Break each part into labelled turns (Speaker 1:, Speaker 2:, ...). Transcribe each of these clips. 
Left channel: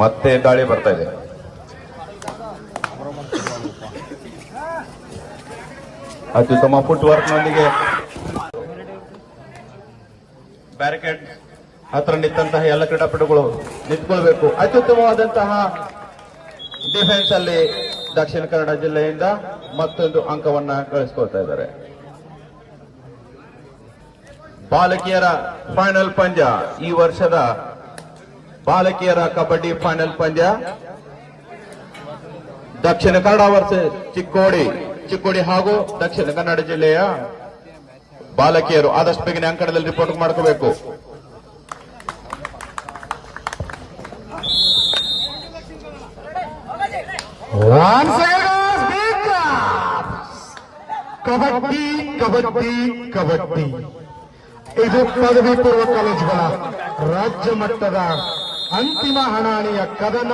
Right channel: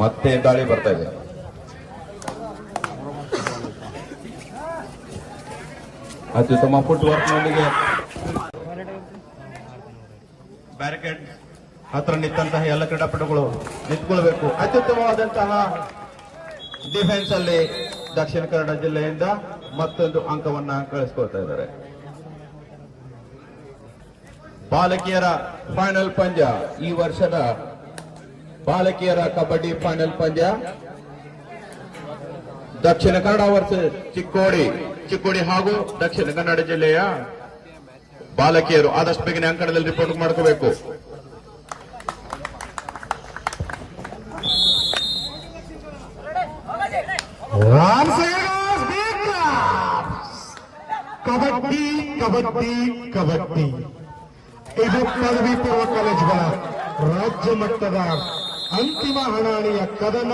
Speaker 1: ಮತ್ತೆ ದಾಳಿ ಬರ್ತಾ ಇದೆ. ಅತ್ಯುತ್ತಮ ಫುಟ್ ವರ್ಕ್ನೊಂದಿಗೆ ಬ್ಯಾರಿಕೇಡ್ ಹತ್ರ ನಿಂತಹ ಎಲ್ಲ ಕ್ರೀಡಾಪಟುಗಳು ನಿಂತ್ಕೊಳ್ಬೇಕು. ಅತ್ಯುತ್ತಮವಾದಂತಹ ಡಿಫೆನ್ಸ್ ಅಲ್ಲಿ ದಕ್ಷಿಣ ಕನ್ನಡ ಜಿಲ್ಲೆಯಿಂದ ಮತ್ತೊಂದು ಅಂಕವನ್ನ ಕಳಿಸ್ಕೊಳ್ತಾ ಇದ್ದಾರೆ. ಬಾಲಕಿಯರ ಫೈನಲ್ ಪಂದ್ಯ ಈ ವರ್ಷದ ಬಾಲಕಿಯರ ಕಬಡ್ಡಿ ಫೈನಲ್ ಪಂದ್ಯ. ದಕ್ಷಿಣ ಕನ್ನಡ ವರ್ಷ ಚಿಕ್ಕೋಡಿ ಚಿಕ್ಕೋಡಿ ಹಾಗೂ ದಕ್ಷಿಣ ಕನ್ನಡ ಜಿಲ್ಲೆಯ ಬಾಲಕಿಯರು ಆದಷ್ಟು ಬೇಗನೆ ಅಂಕಣದಲ್ಲಿ ರಿಪೋರ್ಟ್ ಮಾಡ್ಕೋಬೇಕು.
Speaker 2: ಕಬಡ್ಡಿ ಕಬಡ್ಡಿ ಕಬಡ್ಡಿ. ಇದು ಪದವಿ ಪೂರ್ವ ಕಾಲೇಜುಗಳ ರಾಜ್ಯ ಮಟ್ಟದ ಅಂತಿಮ ಹಣಾಣಿಯ ಕದನ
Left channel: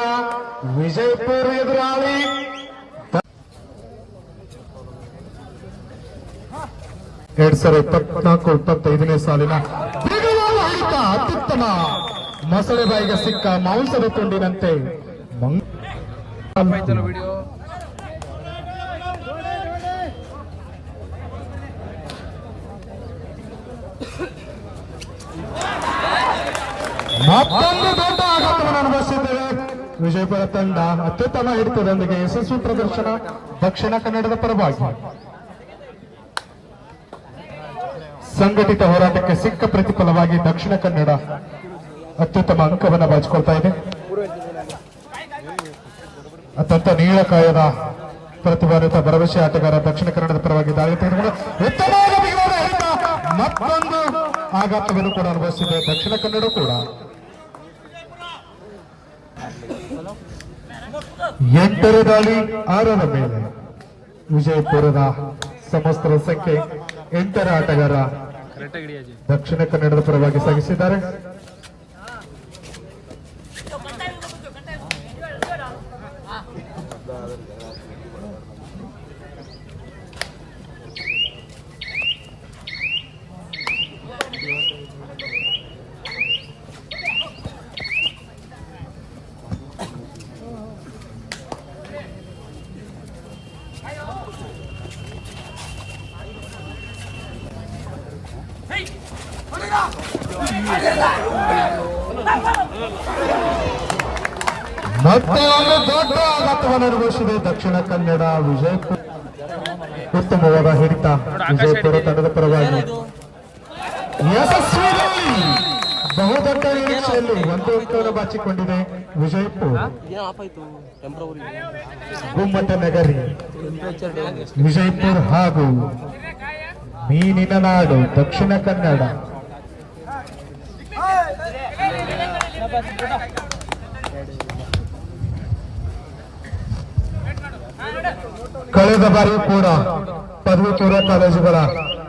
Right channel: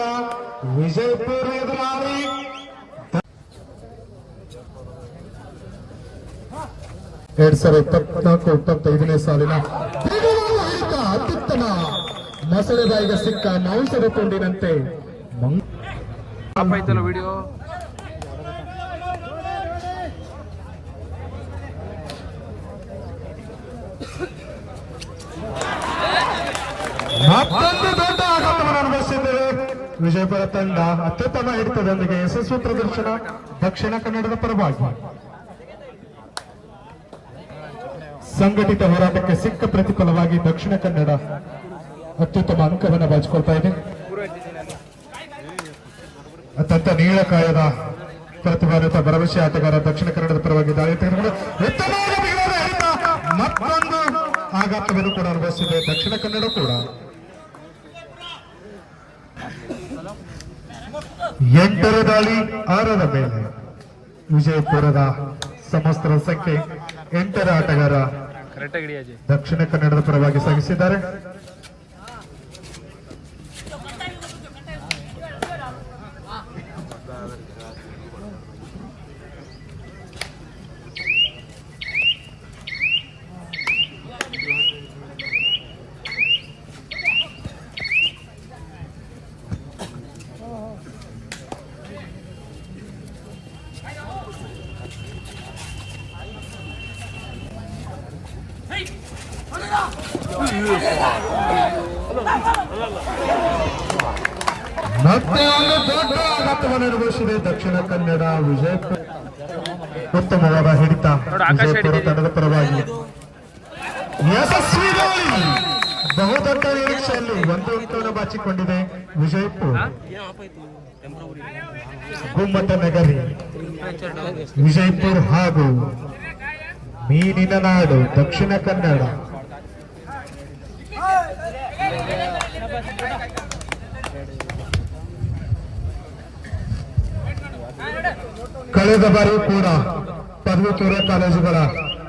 Speaker 2: ವಿಜಯಪುರ ಎದುರಾಳಿ. ಎರಡ್ ಸಾವಿರದ ಇಪ್ಪತ್ನಾಲ್ಕು ಇಪ್ಪತ್ತೈದನೇ ಸಾಲಿನ ಅತ್ಯುತ್ತಮ ಮೊಸಳೆ ಬಾಯಿಗೆ ಸಿಕ್ಕ ಮಾಂಸದ ತುಂಡಿನಂತೆ
Speaker 3: ವಿಡಿಯೋ
Speaker 2: ಮತ್ತೊಂದು ದೊಡ್ಡ ಆಘಾತವನ್ನು ಅನುಭವಿಸಿದ್ದೇವೆ ವಿಜಯಪುರ ತಂಡ ಅತ್ಯುತ್ತಮ ಹಿಡಿತದೊಂದಿಗೆ ಯಶಸ್ವಿ ಪ್ರದರ್ಶನ ದಕ್ಷಿಣ ಕನ್ನಡದ ಪರವಾಗಿ. ಸಂಘಟಿತ ಹೋರಾಟಕ್ಕೆ ಸಿಕ್ಕ ಪ್ರತಿಫಲವಾಗಿ ದಕ್ಷಿಣ ಕನ್ನಡ ಅತ್ಯುತ್ತಮ ಅಂಕವನ್ನು ಬಾಚಿಕೊಳ್ತಾ ಇದೆ. ಅತ್ಯಂತ ನೀಳಕಾಯದ ಪ್ರತಿಭಾನ್ವಿತ ಭರವಸೆ ಆಟಗಾರ ದಕ್ಷಿಣ ಕನ್ನಡದ ಪರವಾಗಿ ಮತ್ತೊಂದು ಆಘಾತವನ್ನು ಕೂಡ ಅನುಭವಿಸಿದೆ ದಕ್ಷಿಣ ಕನ್ನಡ ಕೂಡ. ಎಂಟರ ದಾಳಿ ಆರರ ಮೇಲೆ. ವಿಜಯಪುರದ ಸಮಸ್ತರ ಸಂಖ್ಯೆ ಎಂಟರ ಆಟಗಾರ ದಕ್ಷಿಣ ಕನ್ನಡದ ಪರವಾಗಿ ಸಾಗಿಸಿದ್ದಾರೆ. ಮತ್ತೆ ಒಂದು ದೊಡ್ಡ ಅನುಭವಿಸಿದೆ ದಕ್ಷಿಣ ಕನ್ನಡ ವಿಜಯಪುರ. ಉತ್ತಮವಾದ ಹಿಡಿತ. ವಿಜಯಪುರ
Speaker 3: ಕನ್ನಡ
Speaker 2: ತಂಡದ ಪರವಾಗಿ. ಯಶಸ್ವಿ. ಬಹುದೊಡ್ಡ ನಿರೀಕ್ಷೆಯಲ್ಲಿ ಒಂದು ಅಂಕವನ್ನು ಬಾಚಿಕೊಂಡಿದೆ ವಿಜಯಪುರ. ಗುಮ್ಮಟ ನಗರಿ. ವಿಜಯಪುರ ಹಾಗೂ ಮೀನಿನ ನಾಡು ದಕ್ಷಿಣ ಕನ್ನಡ. ಕಳೆದ ಬಾರಿ ಕೂಡ ಪದವಿ ಪೂರ್ವ ಕಾಲೇಜುಗಳ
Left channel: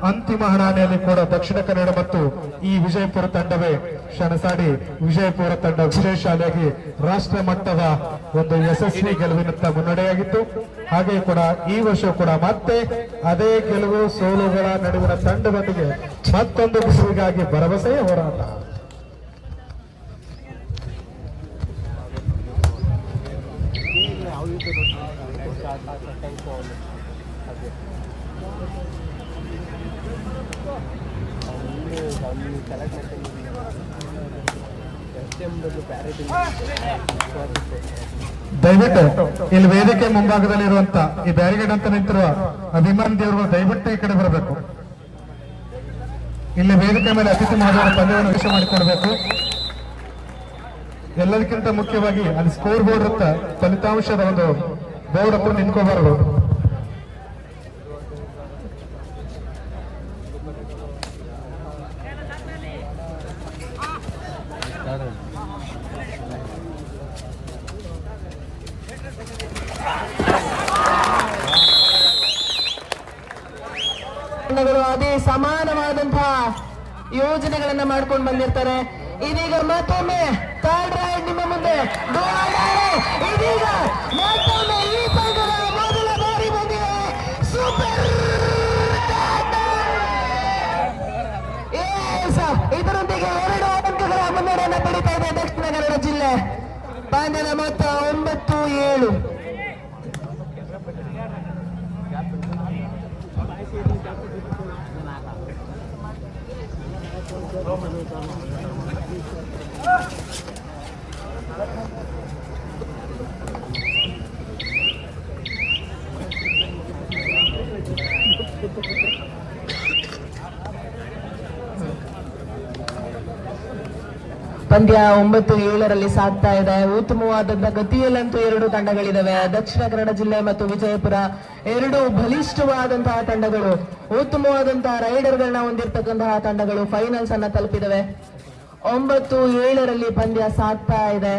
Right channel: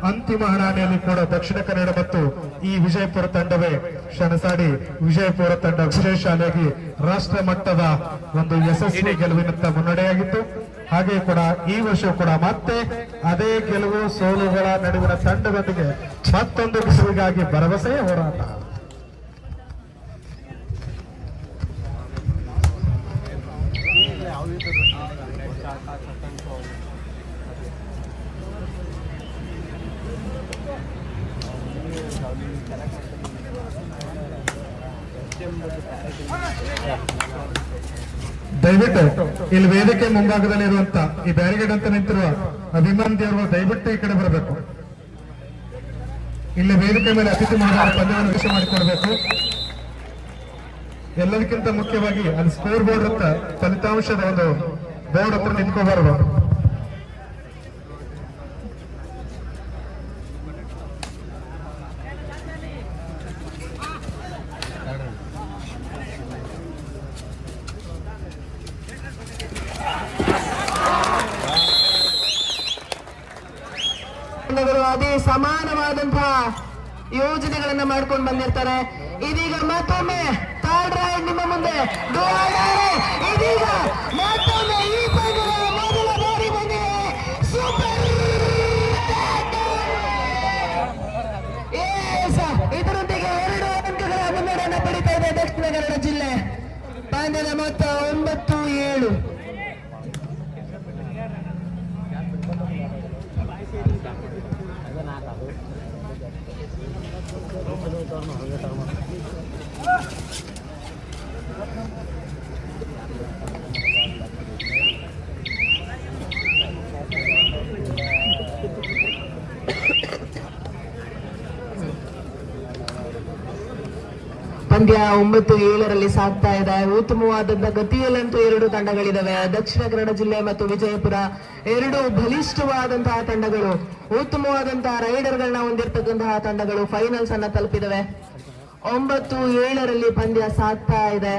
Speaker 2: ಅಂತಿಮ ಹಣಾನೆಯಲ್ಲಿ ಕೂಡ ದಕ್ಷಿಣ ಕನ್ನಡ ಮತ್ತು ಈ ವಿಜಯಪುರ ತಂಡವೇ ಶಣಸಾಡಿ ವಿಜಯಪುರ ತಂಡ ಶಾಲೆಗೆ ರಾಷ್ಟ್ರ ಮಟ್ಟದ ಒಂದು ಯಶಸ್ವಿ ಗೆಲುವಿನತ್ತ ಮುನ್ನಡೆಯಾಗಿತ್ತು. ಹಾಗೆ ಕೂಡ ಈ ವರ್ಷ ಕೂಡ ಮತ್ತೆ ಅದೇ ಗೆಲುವು ಸೋಲುಗಳ ನಡುವಿನ ತಂಡದೊಂದಿಗೆ ಮತ್ತೊಂದು ಗೆಲುವಿಗಾಗಿ ಭರವಸೆಯ ಹೋರಾಟ ದಯವಿಟ್ಟು ಇಲ್ಲಿ ವೇದಿಕೆ ಮುಂಭಾಗದಲ್ಲಿ ಇರುವಂತ ಈ ಬ್ಯಾರಿಗೇಡ್ ಅಂತ ನಿಂತಿರುವ ಅಭಿಮಾನ್ ದೇವರು ದಯವಿಟ್ಟು ಈ ಕಡೆ ಬರಬೇಕು. ಇಲ್ಲಿ ವೇದಿಕೆ ಮೇಲೆ ಅತಿಥಿ ಮಹೋದಯರ ಪಂದ್ಯವನ್ನು ವಿಷಯ ಮಾಡಿಕೊಡ್ಬೇಕು. ಎಲ್ಲದಕ್ಕಿಂತ ಮುಖ್ಯವಾಗಿ ಅಲ್ಲಿ ಸ್ಕೋರ್ ಬೋರ್ಡ್ ಅಂತ ಫಲಿತಾಂಶದ ಒಂದು ಬೋರ್ಡ್ ಹತ್ರ ನಿಂತ್ಕೋಬಾರದು
Speaker 4: ತಂಡಗಳು ಅದೇ ಸಮಾನವಾದಂತಹ ಯೋಜನೆಗಳನ್ನ ಮಾಡ್ಕೊಂಡು ಬಂದಿರ್ತಾರೆ. ಇದೀಗ ಮತ್ತೊಮ್ಮೆ ಥರ್ಡ್ ನಿಮ್ಮ ಮುಂದೆ. ಇದೀಗ ಮತ್ತೊಮ್ಮೆ ಈ ತಂಡಗಳು ಮೊದಲ ಬಾರಿ Yes, ಇದರೊಂದಿಗೆ ಎರಡು ಅಂಕಗಳ ಮುನ್ನಡೆಯನ್ನು ಪಡಿತಾ ಇದೆ ದಕ್ಷಿಣ ಕನ್ನಡ ಜಿಲ್ಲೆ. ಪಂದ್ಯದ ಮೊತ್ತ ಒಂಬತ್ತು ಏಳು. ಪಂದ್ಯ ಒಂಬತ್ತು ಏಳರಲ್ಲಿ ಸಾಗ್ತಾ ಇದೆ. ಉತ್ತಮವಾದಂತಹ ಗತಿಯಲ್ಲಂತೂ ಎರಡು ತಂಡಗಳಿದಾವೆ. ದಕ್ಷಿಣ ಕನ್ನಡ ಜಿಲ್ಲೆ ಮತ್ತು ವಿಜಯಪುರ ಎರಡು ಬಲಿಷ್ಠವಾದಂತಹ ತಂಡಗಳು. ಉತ್ತಮವಾದಂತಹ ರೈಡರ್ಗಳನ್ನ ಹೊಂದಿರತಕ್ಕಂತಹ ತಂಡಗಳು ಫೈನಲ್ಸ್ ಅನ್ನ ತಲುಪಿದವೆ. ಒಂಬತ್ತು ಏಳರಲ್ಲಿ ಪಂದ್ಯ ಸಾಗ್ತಾ ಇದೆ.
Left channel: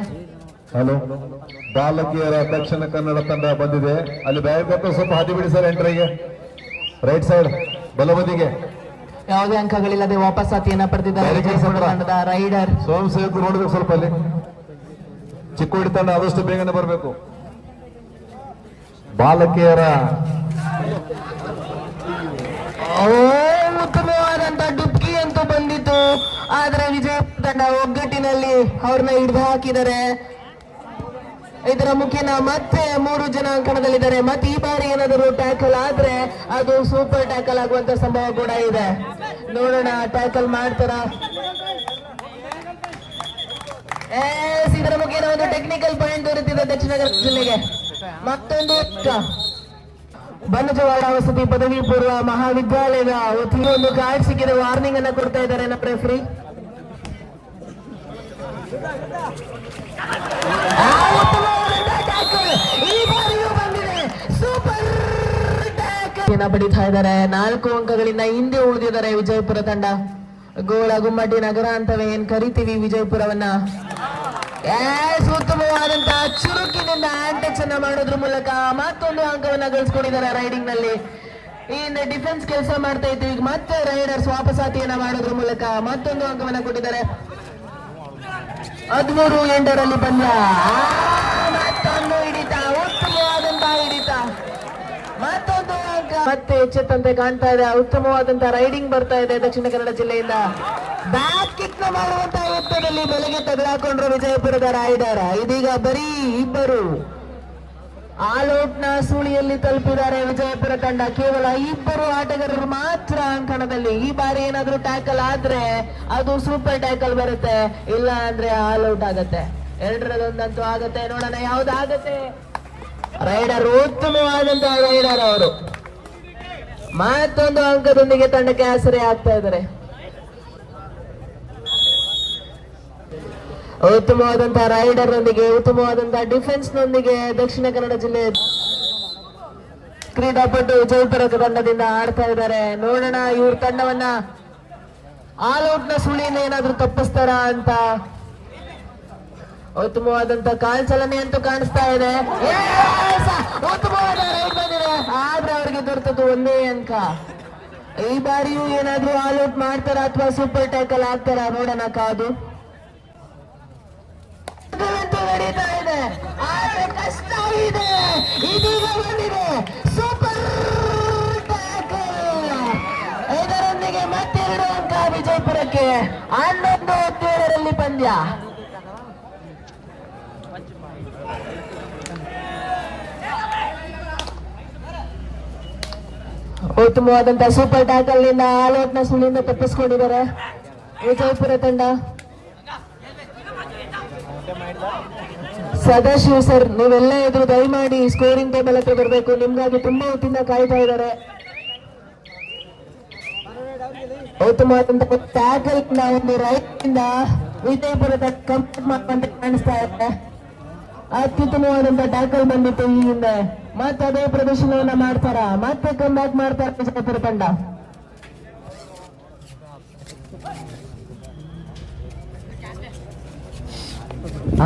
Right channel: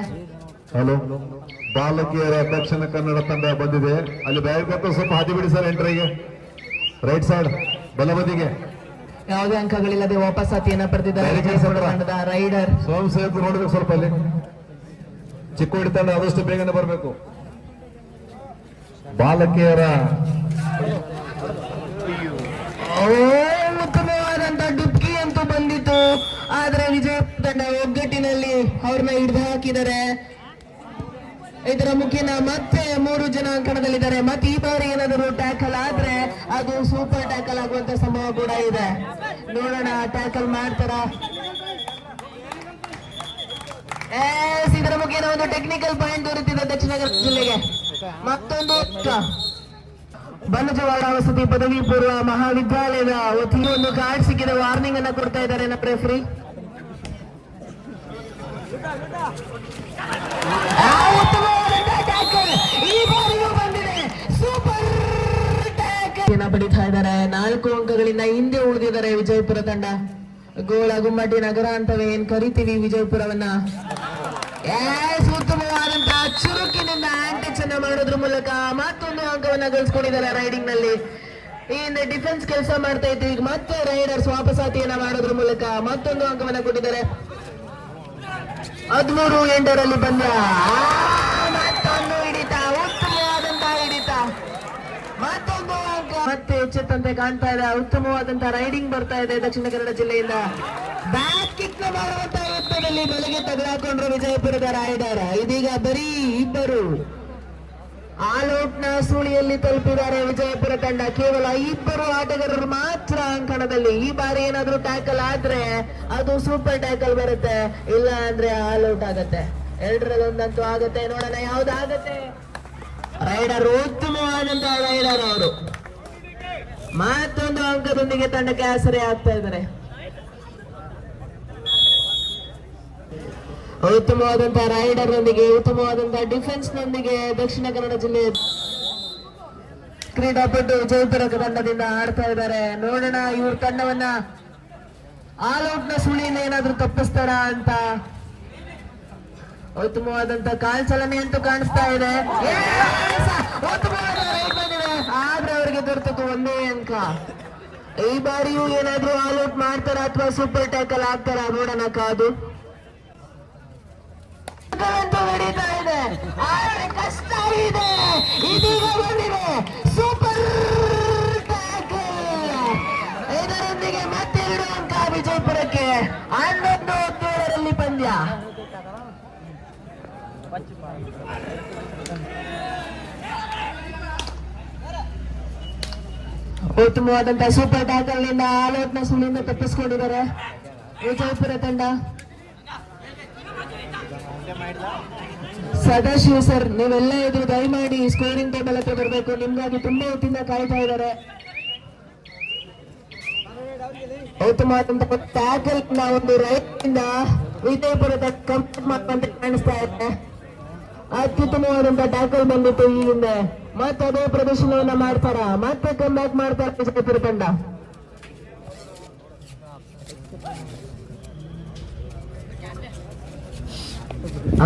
Speaker 2: ಹಲೋ ಬಾಲಕಿಯರ ದಕ್ಷಿಣ ಕನ್ನಡ ತಂಡ ಬಂದಿದೆ. ಅಲ್ಲಿ ಬ್ಯಾಗ್ ಸ್ವಲ್ಪ ಹಾದಿ ಬಿಡಿ ಸರ್ ಎಂಟ್ರಿಗೆ ರೈಟ್ ಸೈಡ್ ಬಲಬದಿಗೆ.
Speaker 4: ಯಾವುದೇ ಅಂಕಗಳಿಲ್ಲದೆ ವಾಪಸ್ ಪಡೆದಿದ್ದಾರೆ ತಂಡದ ರೈಡರ್.
Speaker 2: ನೋಡ್ಬೇಕು ಸ್ವಲ್ಪ ಅಲ್ಲಿ. ಚಿಕ್ಕೋಡಿ ತಂಡ ಆದಷ್ಟು ಬೇಗನೆ ಬರಬೇಕು. ಬಾಲಕಿಯರ
Speaker 4: ಉತ್ತಮವಾದಂತ ಡುಬ್ಕಿ ಅಂತೂ ಬಂದಿತ್ತು. ಆದ್ರೆ ವಿಜಯ ತಂಡ ಒಗ್ಗಟ್ಟಿನಲ್ಲಿ ಅವ್ರನ್ನ ಹಿಡಿದು ಹಾಕಿದ್ದಾರೆ. ಇದರ ಮುಖೇನ ಮತ್ತೆ ಮೂರು ಜನ ಅಂಕಣದಲ್ಲಿದ್ದಾರೆ ಮತ್ತೆ ಈ ಬಾರಿ ಏನಾದರೂ ಟ್ಯಾಕಲ್ ಆದ್ರೆ ಅದು ಸೂಪರ್ ಟ್ಯಾಕಲ್ ಆಗುವಂತ ಸಂಭವ ಕೂಡ ಇದೆ. ನೋಡೋಣ ಟ್ಯಾಕಲ್ ಮಾಡ್ತಾರ? ಇದರ ಮುಖೇನ ಒಂದು ಟೆಕ್ನಿಕಲ್ ಪಾಯಿಂಟ್ ದೊರೆತಿದೆ ದಕ್ಷಿಣ ಕನ್ನಡ ಜಿಲ್ಲೆಗೆ. ಮತ್ತೊಂದು. ಬನ್ನಜವಾಡ ವಸತಿ ಪದವಿ ಪೂರ್ವ ಮಹಾವಿದ್ಯಾಲಯದ ವತಿಯೊಂದು ಒಂದು ಸಿಕ್ಕಿದ ವಾರ್ನಿಂಗ್ ಅನ್ನ ಕೊಡ್ತಾ ಇದ್ದಾರೆ ನಮ್ಮ ರೆಫ್ರಿ ಬಡಿತಾ ಇದ್ದಾರೆ. ನಾಲ್ಕು ಅಂಕಗಳಿಂದ ಹಿಂದೆ ಉಳಿದಿದ್ದಾರೆ ವಿಜಯಪುರ ತಂಡ. ಗೋಳ ಗುಮ್ಮಟಿ ನಗರ ಅಂತವೇ ಏನ್ ಕರಿತೀವಿ ವಿಜಯಪುರವನ್ನ? ಉತ್ತಮವಾದಂತಹ ಚುರುಕಿನಿಂದ ಆಂಟೆಕ್ಸ್ ಅನ್ನ ಮಾಡೋದ್ರ ಮೂಲಕ ಮತ್ತೊಂದು ಅಂಕವನ್ನ ಗಳಿಸ್ಕೊಂಡಿದ್ದಾರೆ ರೈಡಿಂಗ್ನಲ್ಲಿ ಇನ್ನು ಡಿಫೆನ್ಸ್ ಕೆಲಸ ಮಾಡ್ತಾ ಇದ್ರು ಈಗ ಮತ್ತೆ ರೈಡರ್ಸ್ ವಾಪಸಾತಿಯನ್ನ ಮಾಡೋದ್ರ ಮೂಲಕ ಮತ್ತೊಂದು ಅಂಕವನ್ನ ಕೊಟ್ಟಿದ್ದಾರೆ. ಹದಿಮೂರು ಎಂಟರಲ್ಲಿ ಬಂದ. ಮತ್ತೆ ಎಚ್ಚೆತ್ತಂತೆ ಕಾಣ್ತಾ ಇದೆ. ಉತ್ತಮವಾದಂತಹ ರೈಡಿಂಗ್ ಬರ್ತಾ ಇದೆ ದಕ್ಷಿಣ ಕನ್ನಡ ಜಿಲ್ಲೆಯಿಂದ. ಬ್ಯಾಕ್ ಕಿಕ್ನ ಮಾಡುವಂತಹ ಯತ್ನದಲ್ಲಿ ಬಲೆಗೆ ತೆಗೆದುಹಾಕೊಂಡ್ರು ವಿಜಯಪುರದ ರಾಯದಾರ ಇದೀಗ ಬರೀ ಇಬ್ಬರು. ಆಲೌಟ್ನ ಸುಳಿಯಲ್ಲಿ ತಲುಪಿದ್ದಾರೆ ವಿಜಯಪುರ ತಂಡ. ಕೇವಲ ಇಬ್ಬರು ಆಟಗಾರರು ಮಾತ್ರ ಅಂಕಣದಲ್ಲಿ. ಈ ಬಾರಿ ಏನಾದ್ರೂ ಟ್ಯಾಕಲ್ ಆದ್ರೆ ಅದು ಸೂಪರ್ ಟ್ಯಾಕಲ್ ಬರುತ್ತೆ. ಇಲ್ಲ ಅಂದ್ರೆ ಆಲ್ ಔಟ್ ಆಗುತ್ತೆ. ಎರಡರದೊಂದಂತೂ ಆಗುತ್ತೆ. ನೋಡೋಣ ಆಗುತ್ತೆ. ರೈಡರ್ ಉತ್ತಮವಾದಂತಹ ರೈಡರ್ ಅವರು. ಮತ್ತೊಂದು ಅಂಕದೊಂದಿಗೆ ತಂಡಕ್ಕೆ ಆಸರೆ ಆಗ್ತಾ ಇದ್ದಾರೆ. ಉತ್ತಮವಾದಂತಹ ರೈಡರ್ ನೊಂದಿಗೆ ಉತ್ತಮವಾದಂತಹ ಡಿಫೆನ್ಸ್ ನೊಂದಿಗೆ ದಕ್ಷಿಣ ಕನ್ನಡ ಜಿಲ್ಲೆ ಕ್ರೀಡಾಪಟು ಜಯಪುರದ ತಂಡದಿಂದ ಆಡ್ತಾ ಇದ್ದಾರೆ. ನೋಡೋಣ ಇವ್ರ ತಂಡವನ್ನ. ಆಲ್ ಔಟ್ನ ಸುಳಿಯಿಂದ ಏನಾದ್ರೂ ತಪ್ಪಿಸ್ತಾರ ಅಂತ. ಉತ್ತಮವಾದಂತ ಕಾಲ್ ಚಲನೆ ಅಂತೂ ಕಾಣಿಸ್ತಾ ಇದೆ. ಆದ್ರೆ ಅವರಿಗೆ ದೊರೆತದ್ದು ಒಂದೇ ಅಂಕ. ಈ ಬಾರಿಯೂ ಏನಾದ್ರೂ ಆಲ್ ಔಟ್ ಮಾಡ್ತಾರ ಅಥವಾ ಸೂಪರ್ ಟ್ಯಾಕಲ್ ಆಗ್ತಾರ? ನೋಡೋಣ ಕಾದು. ನಡೀತಾ ಇದೆ. ಆದ್ರೆ ಕಷ್ಟ ಇದೆ. ಇದೀಗ ಬಂದಿದೆ. ಸೂಪರ್ ಇದರೊಂದಿಗೆ ಮತ್ತೆ ಅಂಕ ವಿಜಯಪುರಕ್ಕೆ ಹನ್ನೊಂದು ಹದಿನೇಳರಲ್ಲಿ ಪಂದ್ಯ. ಉತ್ತಮವಾದಂತಹ ಸೂಪರ್ ಟ್ಯಾಕಲ್ನಿಂದ ಆಲ್ಔಟ್ನ ಸುಳಿಯಿಂದ ತಪ್ಪಿಸ್ಕೊಂಡಿದ್ದಾರೆ. ವಿಜಯಪುರ ತಂಡ. ಸದಾಶಿವ ಸರ್, ನೀವೆಲ್ಲ ಇದ್ರು ದಯಮಾಡಿ ಸ್ಕೋರಿಂಗ್ ಟೇಬಲ್ ಹತ್ರ ಬರಬೇಕು. ನಿಮ್ಗಾಗಿ ತುಂಬಾ ಹೊತ್ತಿಂದ ಕಾಯ್ತಾ ಇದ್ದಾರೆ. ಒಂದು ರೈಟ್ ವಿಜಯಪುರದ ಕಂಪ್ಲೀಟ್ ಅಂತ ಕಾಣಿಸ್ತಾ ಇದೆ. ಅತ್ಯುತ್ತಮವಾದಂತ ಟ್ಯಾಕಲ್ ಬಂದಿತ್ತು ಈ ಹಿಂದೆ. ಮತ್ತೆ ಅದೇ ಪ್ರದರ್ಶನವನ್ನ ಮಾಡ್ತಾರ? ಮತ್ತೆ ಕಮ್ ಬ್ಯಾಕ್ ಮಾಡ್ತಾರೆ ತಂಡ?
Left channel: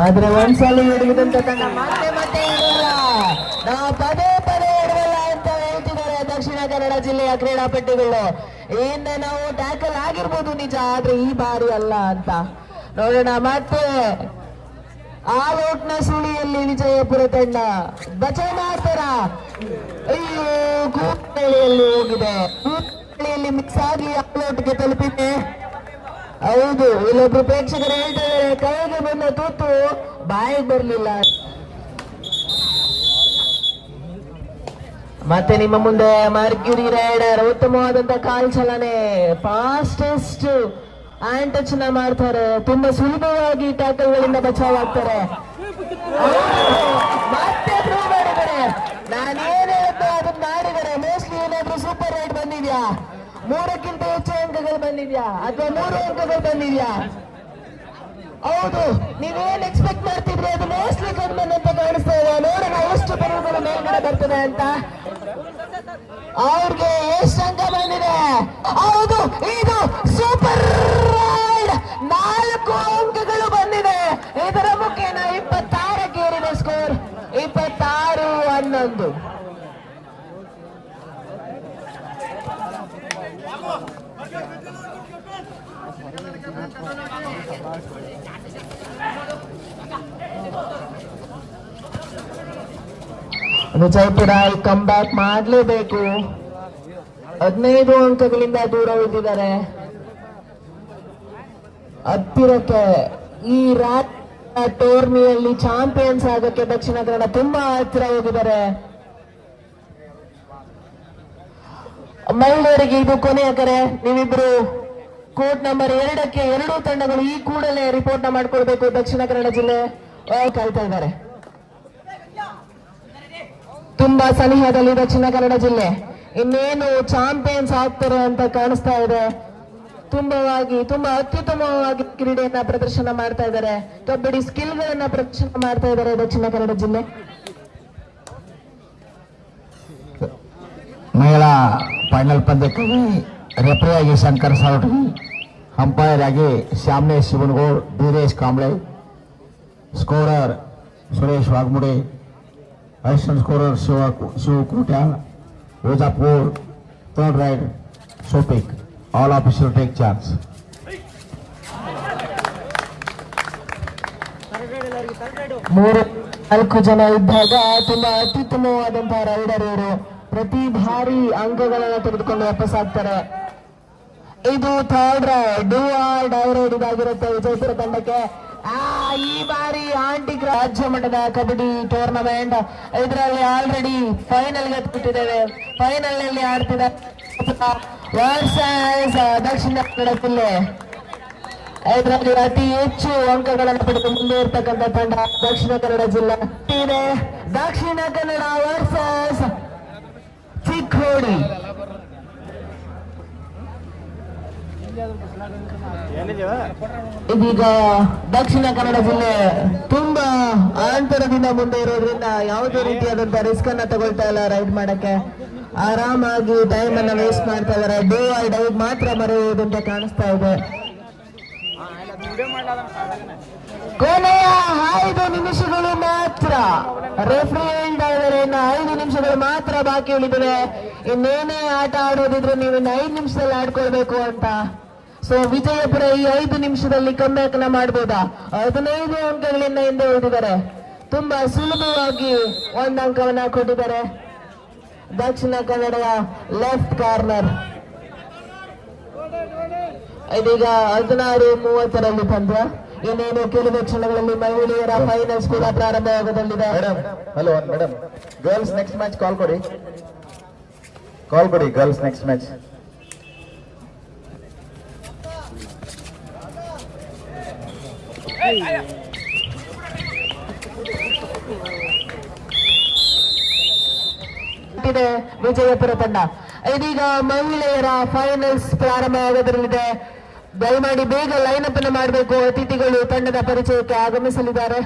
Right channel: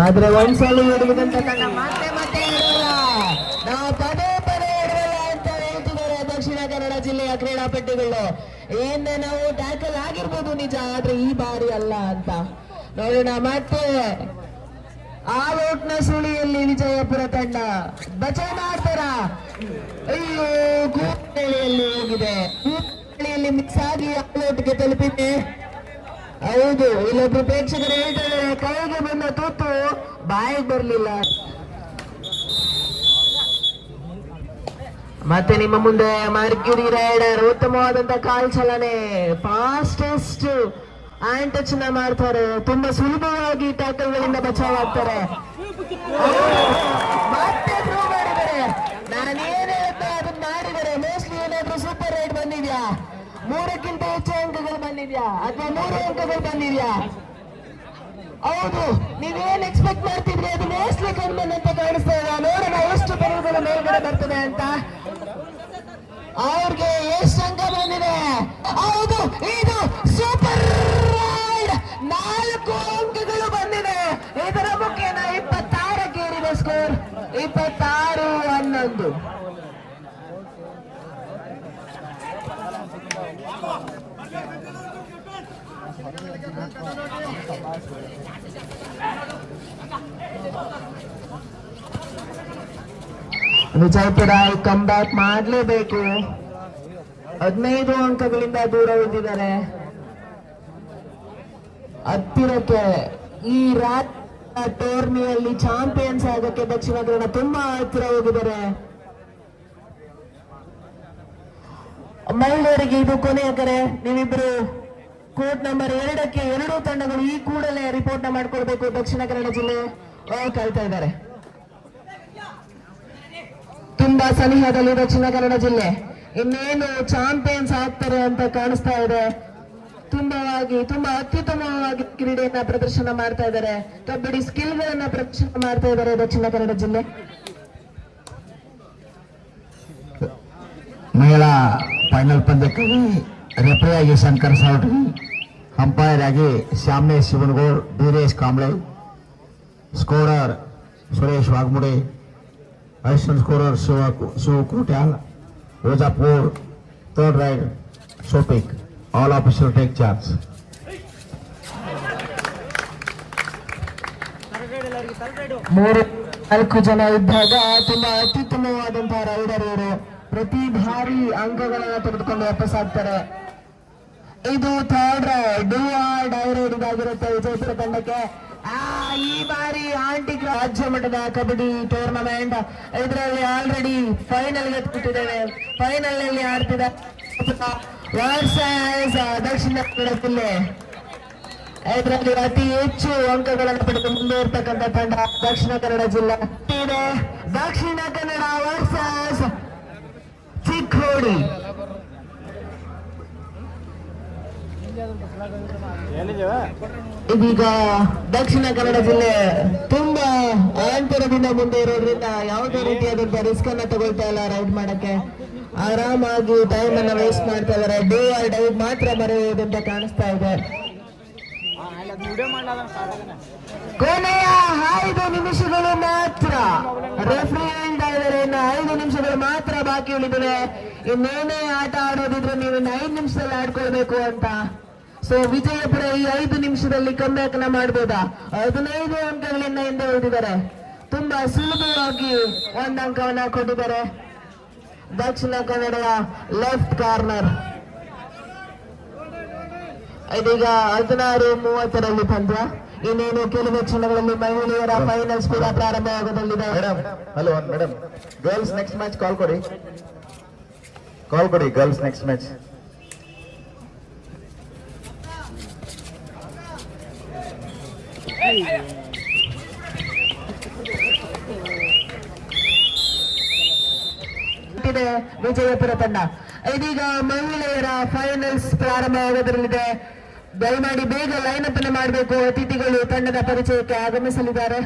Speaker 4: ಆದ್ರೆ ಒಂದ್ಸಲ ಮತ್ತೆ ಇರಲ್ಲ. ನಾವು ಪದೇ ಪದೇ ಅಂತ ಹೇಳ್ತಿದ್ದಾರೆ ದಕ್ಷಿಣ ಕನ್ನಡ ಜಿಲ್ಲೆಯ ಕ್ರೀಡಾಪಟುಗಳು. ಹಿಂದೆ ನಾವು ಟ್ಯಾಕಲ್ ಆಗಿರ್ಬೋದು ನಿಜ, ಆದ್ರೆ ಈ ಬಾರಿ ಅಲ್ಲ ಅಂತ. ನೋಡೋಣ ಮತ್ತೆ. ಆ ಔಟ್ನ ಸುಳಿಯಲ್ಲಿ ವಿಜಯಪುರ ತಂಡ. ಬಚಾವ್ ಮಾಡ್ತಾರ ಅಯ್ಯೋ ಕೂತಳಿಯಲ್ಲಿ ಹೋಗಿದೆ. ಕೂತಳಿಯಲ್ಲಿ ಮಿಕ್ಸ್ ಆಗಿ ಆಲ್ ಔಟ್ಗೆ ತಲುಪಿದೆ. ಹೌದು ಇಲ್ಲೊಬ್ರು ಪ್ರೇಕ್ಷಕರು ಹೇಳ್ತಾರೆ ಕೈಗೆ ಬಂದ ತುತ್ತು, ಬಾಯಿಗೆ ಬರ್ಲಿಲ್ಲ. ಮತ್ತೆ ನಿಮ್ಮ ಮುಂದೆ ಮಾರ್ಗಿರಿ ರೈಡರ್ ಉತ್ತಮವಾದಂತ ಕಾಲ್ ಚಲನೆ ಫಾಸ್ಟೆಸ್ಟ್ ಆ್ಯಂಡ್ ಟಚ್ನ ಮಾಡ್ತಾರೆ. ತುಂಬಾ ಸುಲಭವಾಗಿ ಟ್ಯಾಕಲ್ ಗಳಿಂದ ಬಚಾವ್ ಆಗ್ತಾರೆ ನಾನೇನ್ ಹೇಳ್ತಾ ಅದನ್ನ ಮಾಡಿದರೆ ಮೋಸ್ಟ್ಲಿ ಏನಾದ್ರೂ ಸೂಪರ್ ರೈಡ್ ಬಂದಿದ್ಯಾ? ಮೂರಕ್ಕಿಂತ ಹೆಚ್ಚು ಅಂಕಗಳು ಬಂದಿದ್ಯಾ? ಅಥವಾ ಮೂರು ಅಂಕಗಳು ಬಂದಿದ್ಯಾ? ಹೌದು, ನೀವೇನ್ ಎಕ್ಸ್ಪೆಕ್ಟ್ ಮಾಡ್ತಿದ್ರಿ? ಅದು ಮೋಸ್ಟ್ಲಿ ಕಂಪನ್ ಅಂತ ಕಾಣಿಸ್ತಾ ಇದೆ. ನೋಡೋಣ ಎಷ್ಟು ಬರುವುದರ ಮೇಲ್ಗಡೆ ಬರ್ತದೆ ಅಂತ. ಅವ್ರಿಗೆ ಎಷ್ಟು ಅಂಕ ಬಂದಿದೆ? ಹೌದು, ಇದು ಸೂಪರ್ ರೈಡ್ ನಾಲ್ಕು ಅಂಕಗಳು ಬಂದಿದೆ ಇದರ ಮುಖೇನ ಇಪ್ಪತ್ತಾರಕ್ಕೆ ಏರಿದೆ ಸ್ಕೋರ್ ಇಪ್ಪತ್ತಾರು ಹನ್ನೊಂದು ವಿಜಯಪುರ ಕಮ್ ಬ್ಯಾಕ್ ಮಾಡಲೇಬೇಕು. ಹದಿನೈದು ಅಂಕಗಳಿಂದ ದೂರ ಉಳಿದಿದ್ದಾರೆ. ಹತ್ತಿರಕ್ಕೆ ಈ ರಾತ್ ಟೋರ್ನಿಯಲ್ಲಿ ಚಾಂಪಿಯನ್ಸ್ ಆಗಕ್ಕೆ ದಕ್ಷಿಣ ಕನ್ನಡ ತುಂಬಾ ಹತ್ತಿರ ಹೋಗಿದ್ದಾರೆ. ಮಹಿಳೆಯರಿಗೆ ಇದು ಕೊನೆಯ ಕರೆ. ನೀವಿಬ್ರು ಕೋರ್ಟ್ ನಂಬರ್ ಎರಡಕ್ಕೆ ಎರಡೂ ತಂಡಗಳು ಈ ಕೂಡಲೇ ರಿಪೋರ್ಟ್ನ ಮಾಡ್ಕೊಳ್ಬೇಕು ದಕ್ಷಿಣ ಕನ್ನಡ ಜಿಲ್ಲೆ. ಕಲ್ತಾ ಇದ್ದಾರೆ. ತುಂಬಾ ಸನಿಹದಲ್ಲಿ ದಕ್ಷಿಣ ಕನ್ನಡ ಜಿಲ್ಲೆ. ಇನ್ನೇನು ಚಾಂಪಿಯನ್ಸ್ ಆಗ್ತಾರೆ ಅಂತ ಕಾಣಿಸ್ತಾ ಇದೆ. ತುಂಬವಾಗಿ, ತುಂಬಾ ಅತ್ಯುತ್ತಮವಾಗಿ ಕ್ರೀಡೆಯನ್ನ ಪ್ರದರ್ಶನ ಮಾಡ್ತಾ ಇದ್ದಾರೆ. ಕಬಡ್ಡಿ ಸ್ಕಿಲ್ ಗಳನ್ನ ಪ್ರದರ್ಶನ ಮಾಡ್ತಾ ಇದ್ದಾರೆ ದಕ್ಷಿಣ ಕನ್ನಡ ಜಿಲ್ಲೆ.
Speaker 5: ಮಹಿಳಾ ಫೈನಲ್ ಪಂದ್ಯಕ್ಕಾಗಿ ರೆಫರಿ ಆಗಿ ಶಂಕರ್ ಸಾವಟ್ ಅಂಪೈರ್ ಆಗಿ ಶ್ಯಾಮ್ನೆ Shivanagoud Veeresh Kamble scorer Suresh Wagmude assistant scorer Shiva Shiva Kotyal Rojapur third raid ಸೋಪಿಕ್ all officer take charge
Speaker 4: ಮೂರು ನಾಲ್ಕು ಜನ ಇದ್ದಾಗ ತುಂಬಾ ಅತ್ಯುತ್ತಮವಾದಂತಹ ರೈಡರ್ ಇವರು ಪ್ರತಿ ಬಾರಿ ಅಂಕಗಳನ್ನ ತೆಗೆದುಕೊಂಡು ವಾಪಸ್ ಆಗ್ತಾರೆ ಇದು third raid do or die raid ಇದಾಗಿರುತ್ತೆ ವಿಜಯಪುರ ತಂಡಕ್ಕೆ ಆ ಈ ಬಾರಿ ಆಂಟಿ ರಾಜ್ಯ ಮಟ್ಟದ ಕಬಡ್ಡಿ ಟೂರ್ನಮೆಂಟ್ ಇದರಲ್ಲಿ ಆಲ್ರೆಡಿ ಫೈನಲ್ಗೆ ಫೈನಲ್ನಲ್ಲಿ ಆಡ್ತಿದ್ದಾರೆ ದಕ್ಷಿಣ ಕನ್ನಡ ಜಿಲ್ಲೆ. ಇದರಲ್ಲಿ ಅತಿ ಹೆಚ್ಚು ಅಂಕಗಳನ್ನು ಪಡೆದು ಮುಂದೆ ಇರ್ತಕ್ಕಂಥ ತಂಡ ದಕ್ಷಿಣ ಕನ್ನಡ ಜಿಲ್ಲೆ ಇದೆ. ದಕ್ಷಿಣ ಕನ್ನಡ ವರ್ಸಸ್ ಚಿಕ್ಕೋಡಿ. ಇದೀಗ ದಕ್ಷಿಣ ಕನ್ನಡ ಜಿಲ್ಲೆ ತುಂಬಾ ಆಂತರದಿಂದ ಮುಂದೆ ಇರೋದ್ರಿಂದ ಯಾವುದೇ ರೀತಿಯಾದಂತಹ ರಿಸ್ಕ್ ಅನ್ನ ತಗೊಳ್ತಾ ಇಲ್ಲ ರೈಡ್ ಮಾಡಕ್ಕೆ. ಆರಾಮಾಗಿ ಟೈಮ್ ಅನ್ನ ವೇಸ್ಟ್ ಮಾಡ್ತಾ ಇದಾರೆ ಡೇ ಆರ್ ಡೈ ಮಾತ್ರ ಬರೆಯುವುದಂತ ಕಾಣಿಸ್ತಾ ಇದೆ. ಕೊನೆಯ ಐದು ನಿಮಿಷಗಳು ಮಾತ್ರ. ರೆಫ್ರಿ ಹೇಳ್ತಾ ಇನ್ನು ಐದು ನಿಮಿಷಗಳು ಮಾತ್ರ ಬಾಕಿ ಉಳಿದಿದೆ ಇನ್ನೇನೇ ಆಟ ಆಡೋದಿದ್ರೆ ನೀವು ಇನ್ನು ಐದು ನಿಮಿಷದಲ್ಲಿ ಆಡ್ಕೊಳ್ಬೇಕು ಅಂತ. ಸೊ ವಿಜಯಪುರ ಈ ಐದು ನಿಮಿಷದಲ್ಲಿ ಕಮ್ಬ್ಯಾಕ್ನ ಮಾಡ್ಬೋದಾ? ಹದಿನೈದು ಅಂಕಗಳಿಂದ ಹಿಂದೆ ಉಳಿದಿದ್ದಾರೆ ತುಂಬಾ ಸುಲಭವಾಗಿ ಒಂದು ಅಂಕವನ್ನ ಕೊಟ್ಟಿದ್ದಾರೆ. ದಕ್ಷಿಣ ಕನ್ನಡದ ಲೆಫ್ಟ್ ಕಾರ್ನರ್ ಇದೀಗ ಹದಿನಾರು ಮೂವತ್ತರಲ್ಲಿ ಪಂದ್ಯ. ಇನ್ನೇನು ಕೆಲವು ಕ್ಷಣಗಳಲ್ಲಿ ಮಹಿಳೆಯರ ಫೈನಲ್ಸ್ ಕೂಡ
Speaker 5: ಪ್ರಾರಂಭವಾಗದಲ್ಲಿದೆ hello madam girls next match call ಕೊಡಿ. ಕಾಲ್ ಕೊಡಿ ಗರ್ಲ್ಸ್ ನೆಕ್ಸ್ಟ್ ಮ್ಯಾಚ್
Speaker 4: ವಿಜಯಪುರ ತಂಡ ಇದೀಗ ಮಹಿಳೆಯರ ಫೈನಲ್ಸ್ ಪ್ರಾರಂಭವಾಗೋದ್ರಲ್ಲಿದೆ. ದಯಮಾಡಿ ಬೇಗ ಲೈನಪ್ ಅನ್ನು ಮಾಡಬೇಕು. ಅತಿಥಿಗಳು ತಂಡದ ಪರಿಚಯಕ್ಕೆ ಆಗಮಿಸಲಿದ್ದಾರೆ.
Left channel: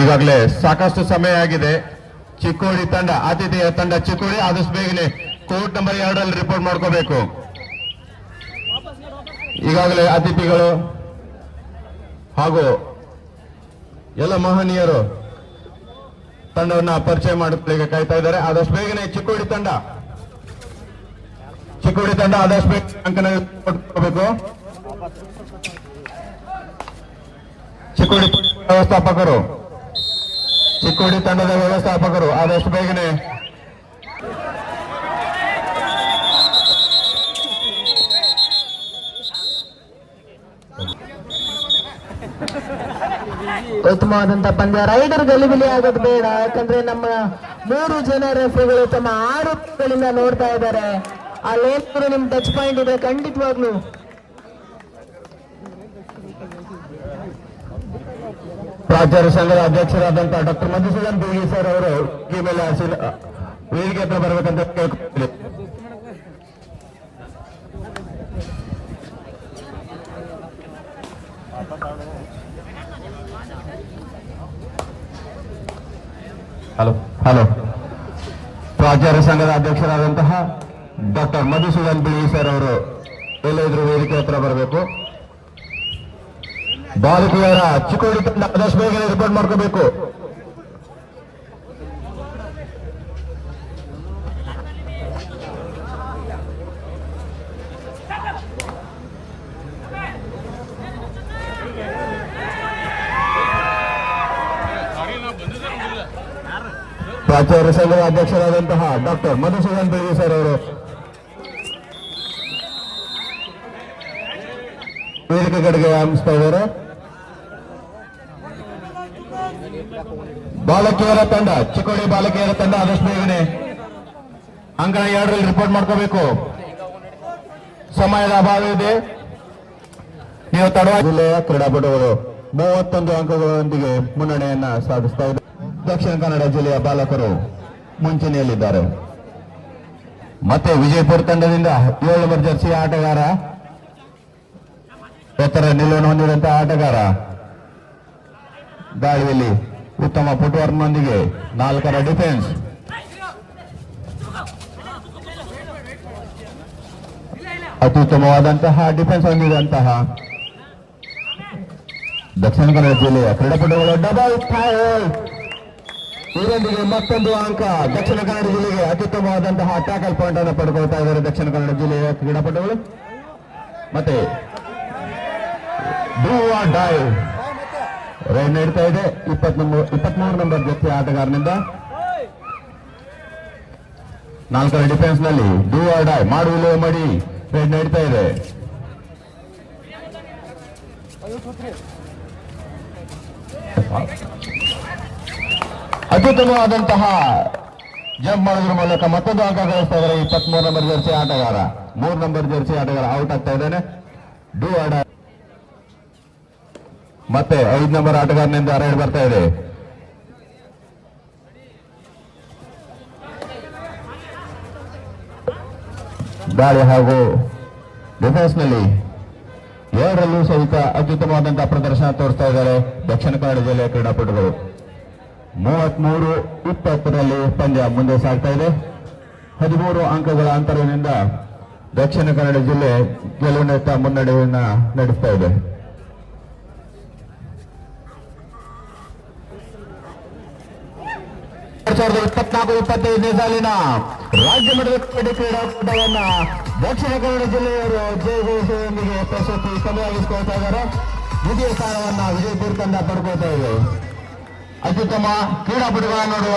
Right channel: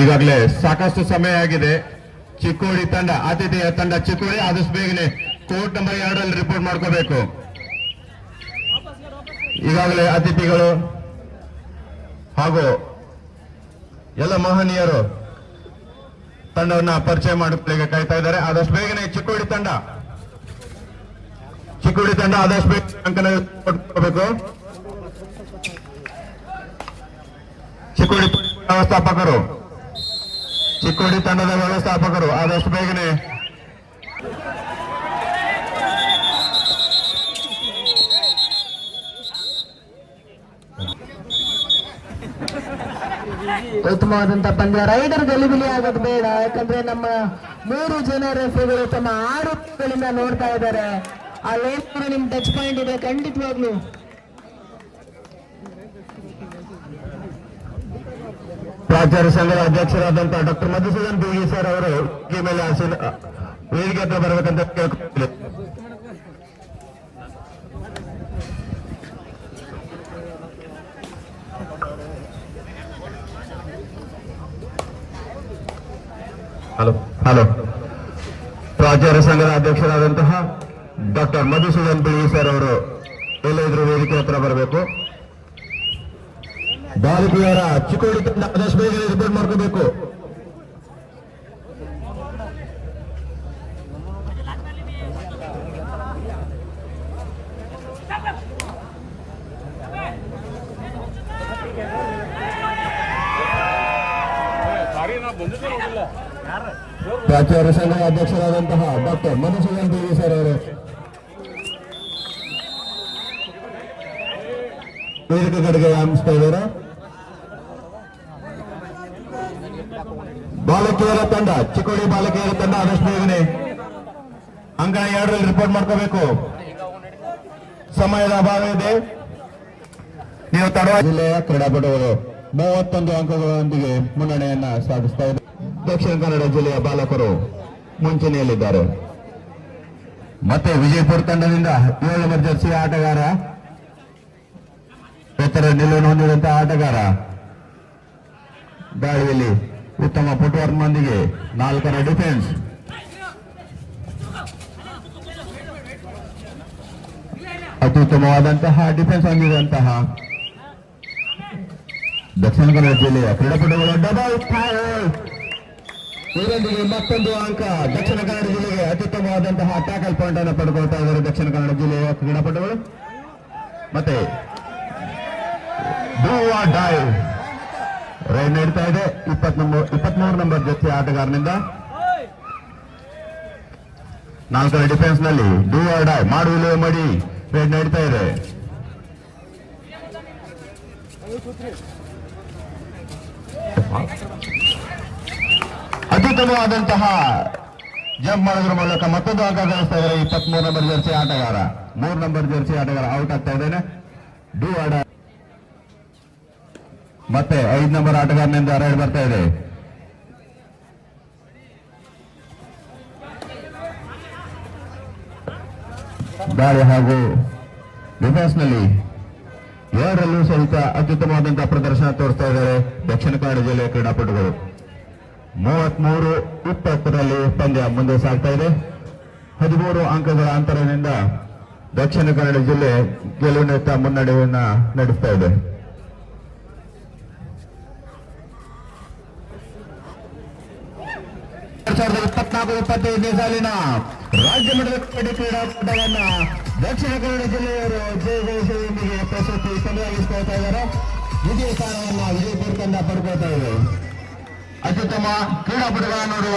Speaker 1: ಈಗಾಗಲೇ ಸಾಕಷ್ಟು ಸಮಯ ಆಗಿದೆ. ಚಿಕ್ಕೋಡಿ ತಂಡ ಆತಿಥೇಯ ತಂಡ ಚಿಕ್ಕೋಡಿ. ಆದಷ್ಟು ಬೇಗನೆ ಕೋರ್ಟ್ ನಂಬರ್ ಎರಡರಲ್ಲಿ ರಿಪೋರ್ಟ್ ಮಾಡ್ಕೋಬೇಕು. ಈಗಾಗಲೇ ಅತಿಥಿಗಳು ಹಾಗೂ ಎಲ್ಲ ಮೋಹನೀಯರು ತಂಡವನ್ನ ಪರಿಚಯ ಮಾಡಿಕೊಳ್ಳಿಕ್ಕೆ ಕಾಯ್ತಾ ಇದ್ದಾರೆ. ಆದಷ್ಟು ಬೇಗನೆ ಚಿಕ್ಕೋಡಿ ತಂಡ ಚಿಕ್ಕೋಡಿ ತಂಡ ಆದಷ್ಟು ಬೇಗ ಅಂಕನ ಕೊಡ್ಕೋಬೇಕು ಚಿಕ್ಕೋಡಿ ವ್ಯವಸ್ಥಾಪಕರು, ಚಿಕ್ಕೋಡಿ ತಂಡದ ವ್ಯವಸ್ಥಾಪಕರು ಆದಷ್ಟು ಬೇಗನೆ
Speaker 4: ಉತ್ತಮವಾದಂತ ಪಂದ್ಯ. ರೈಡರ್ ಗಲಿಬಿಲಿ ಆಗೋದು ಬೇಡ. ಯಾಕಂದ್ರೆ ನಮ್ಮ ಮೂರು ಜನ ರೆಫ್ರಿಗಳು ತಮ್ಮ ಆರೋಪಗಳಿಂದ ನೋಡ್ತಾ ಇದ್ದಾರೆ. ಅಲ್ಲೇನಾದ್ರು ನಿಮ್ ಟಚ್ ಪಾಯಿಂಟ್ ಇದೆ. ಖಂಡಿತವಾಗ್ಲು.
Speaker 5: ಪ್ರಾಚಾರ್ಯ ಸಂಘದ ಅಧ್ಯಕ್ಷರಾದಂತಹ ಡಾಕ್ಟರ್ ಮಧುಸೂದನ್ ಬೀಗಿ ಸರ್ ಅವರು ಮೇಲೆ ವೇದಿಕೆ ಹತ್ರ ಬರಬೇಕಂತ ಹಲೋ. ಹಲೋ. ಪ್ರಾಚಾರ್ಯ ಸಂಘದ ಅಧ್ಯಕ್ಷರಾದಂತಹ ಡಾಕ್ಟರ್ ಮಧುಸೂದನ್ ಬಿಳಿ ಸರ್ ಅವರು ಎಲ್ಲಾದ್ರೂ ವೇದಿಕೆ ಹತ್ರ ಬರಬೇಕು. ಬಾಲಕಿಯರ ಚಿಕ್ಕೋಡಿ ತಂಡ ಆದಷ್ಟು ಬೇಗನೆ ರಿಪೋರ್ಟ್ ಮಾಡ್ಕೋಬೇಕು. ಪ್ರಾಚಾರ್ಯ ಸಂಘದ ಅಧ್ಯಕ್ಷರಾದಂತಹ ಡಾಕ್ಟರ್ ಮಧುಸೂದನ್ ಬೇಗಿ ಸರ್ ಅವರು. ವೇದಿಕೆ ಕಡೆಗೆ ವ್ಯಾಯಾಮಿಸ್ತಾ ಇದ್ದಾರೆ. ಬಾಲಕಿಯರ ತಂಡ, ಚಿಕ್ಕೋಡಿ ಬಾಲಕಿಯರ ತಂಡ ಆದಷ್ಟು ಬೇಗನೆ ಅಂಕಣ ಎರಡರಲ್ಲಿ ರಿಪೋರ್ಟ್ ಮಾಡ್ಕೋಬೇಕು. ಸಮಯದ ಅಭಾವ ಇದೆ. ನೀವು ಜಿಲ್ಲೆಯ ಕ್ರೀಡಾಪಟುಗಳು ಮೂವತ್ತೊಂದು ಅಂಕಗಳೊಂದಿಗೆ ಮುನ್ನಡೆಯನ್ನ ಸಾಧಿಸ್ತಾ ಇದ್ದಾರೆ. ದಕ್ಷಿಣ ಕನ್ನಡ ಜಿಲ್ಲೆಯ ಬಾಲಕರು ಮುಂಚೂಣಿಯಲ್ಲಿದ್ದಾರೆ. ಮತ್ತೆ ವಿಜಯಪುರ ತಂಡದಿಂದ ಏಳು ನಂಬರ್ ಜರ್ಸಿ ಆಟಗಾರ, ಎತ್ತರ ನಿಲುವನ್ನು ಹೊಂದಿರುವಂತಹ ಆಟಗಾರ. ಗಾಳಿಯಲ್ಲಿ ಉತ್ತಮ ಫುಟ್ವರ್ಕ್ನೊಂದಿಗೆ ನಾಲ್ಕರ ಡಿಫೆನ್ಸ್. ಅತ್ಯುತ್ತಮವಾದಂತಹ ಡಿಫೆನ್ಸ್ ಹೊಂದಿರುವಂತಹ ದಕ್ಷಿಣ ಕನ್ನಡ ಜಿಲ್ಲೆಯ ಕ್ರೀಡಾಪಟುಗಳ ಡಬಲ್ ಇದರೊಂದಿಗೆ ಮತ್ತೊಂದು ಅಂಕ. ದಕ್ಷಿಣ ಕನ್ನಡ ಜಿಲ್ಲೆಗೆ ಅತ್ಯುತ್ತಮವಾದಂತಹ ಟ್ಯಾಕಲ್ ಪಾಯಿಂಟ್ ಅನ್ನು ಪಡ್ಕೊಳ್ತಾ ಇದ್ದಾರೆ ದಕ್ಷಿಣ ಕನ್ನಡ ಜಿಲ್ಲೆಯ ಕ್ರೀಡಾಪಟುಗಳು. ಮತ್ತೆ ರೈನ್ ನೀಡ್ತಾ ಇದೆ. ಇಪ್ಪತ್ಮೂರು ನಂಬರ್ ಜೊತೆ ಆಟಗಾರನಿಂದ. ನಾಲ್ಕರ ಡಿಫೆನ್ಸ್ನಲ್ಲಿ ಡೂ ಆರ್ ಡೈ ಮಾಡು ವಿಲೋಮ ಮಾಡಿ. ರೈಡ್ ನಡೀತಾ ಇದೆ. ಅತ್ಯುತ್ತಮವಾದಂತಹ ಜಂಪ್ ಮಾಡೋದ್ರ ಮೂಲಕ ಮತ್ತೊಂದು ಅಂಕ ಗಳಿಸ್ತಾ ಇದ್ದಾರೆ. ಇಪ್ಪತ್ಮೂರು ನಂಬರ್ ಜರ್ಸಿ ಆಟಗಾರ. ಮೂರು ನಂಬರ್ ಜರ್ಸಿ ಆಟಗಾರ ಔಟ್ ಆಗ್ತಾ ಇದ್ದಾನೆ. ಡಿ ಆಡ ಮತ್ತೆ ಐದು ನಂಬರ್ ಆಟಗಾರನಿಂದ ಹರಡಿ ಬರ್ತಾ ಇದೆ. ದಾಳಿ ಹಾಗೂ ಡಿಫೆನ್ಸ್ನಲ್ಲಿ ಎರಡರಲ್ಲೂ ಸಹಿತ ಅತ್ಯುತ್ತಮವಾದಂತಹ ಪ್ರದರ್ಶನ ತೋರಿಸ್ತಾ ಇದ್ದಾರೆ. ದಕ್ಷಿಣ ಕನ್ನಡ ಜಿಲ್ಲೆಯ ಕ್ರೀಡಾಪಟುಗಳು. ಮೂವತ್ಮೂರು ಇಪ್ಪತ್ತರಲ್ಲಿ ಪಂದ್ಯ ಮುಂದೆ ಸಾಗ್ತಾ ಇದೆ. ಹದಿಮೂರು ಅಂಕಗಳ ಅಂತರದಿಂದ ದಕ್ಷಿಣ ಕನ್ನಡ ಜಿಲ್ಲೆ ಗೆಲುವಿನತ್ತ ಮುನ್ನಡೆಯನ್ನ ನಡೆಸ್ತಾ ಇದೆ. ಸಾಲಿನ ರಾಜ್ಯ ಮಟ್ಟದ ಕ್ರೀಡೆ ಕ್ರೀಡಾಕೂಟವನ್ನ ದಕ್ಷಿಣ ಕನ್ನಡ ಜಿಲ್ಲೆಯವರು ಜಯ ಜಯಶಿಯೊಂದಿಗೆ ಪ್ರಶಸ್ತಿ ಸಲುವಾಗಿಸಿಕೊಳ್ತಾ ಇದ್ದಾರೆ. ದ್ವಿತೀಯ ಸ್ಥಾನವನ್ನ ವಿಜಯಪುರ ತಂಡ ಪಡ್ಕೊಳ್ತಾ ಇದೆ. ಅತ್ಯುತ್ತಮ ಕ್ರೀಡಾಪಟುಗಳನ್ನು ನೋಡುವ